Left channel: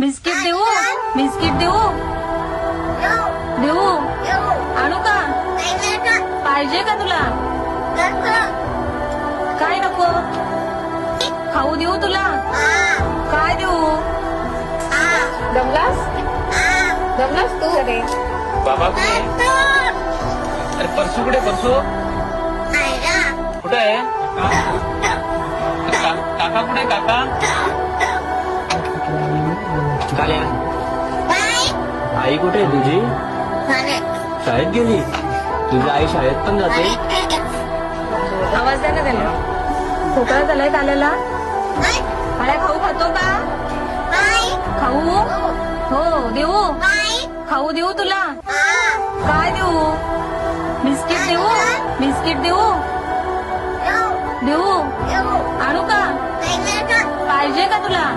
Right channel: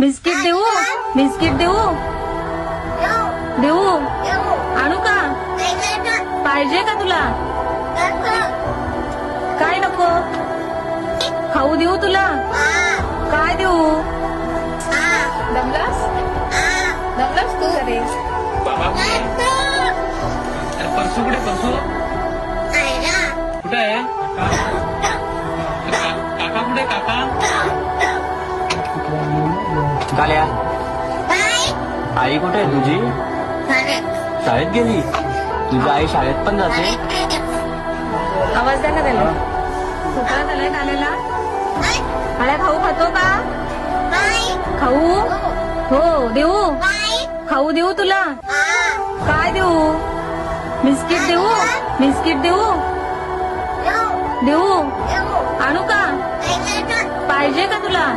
Biscuit देऊ? Biscuit देऊ? देऊ? आणू का? पाहिजे का तुला? काय नको? खाऊ देऊ तुला? काय देऊ? दमलास? दमलास तू? बाबा परसू कुठे? परसू कुठे आहे? काका कुठे? काका झाल्या. आई कुठे आहे तुझी? शाळेत गेली? तुझी आई शाळेत पण जाते? आवाज द्या ना त्याला. खोकला झालाय त्याला. काळ्या खाऊ खातो का? खाऊ? हो देऊ? खाऊ देऊ तुला? काय देऊ? बिस्किट देऊ? बिस्किट देऊ? देऊ? आणू का? पाहिजे का तुला?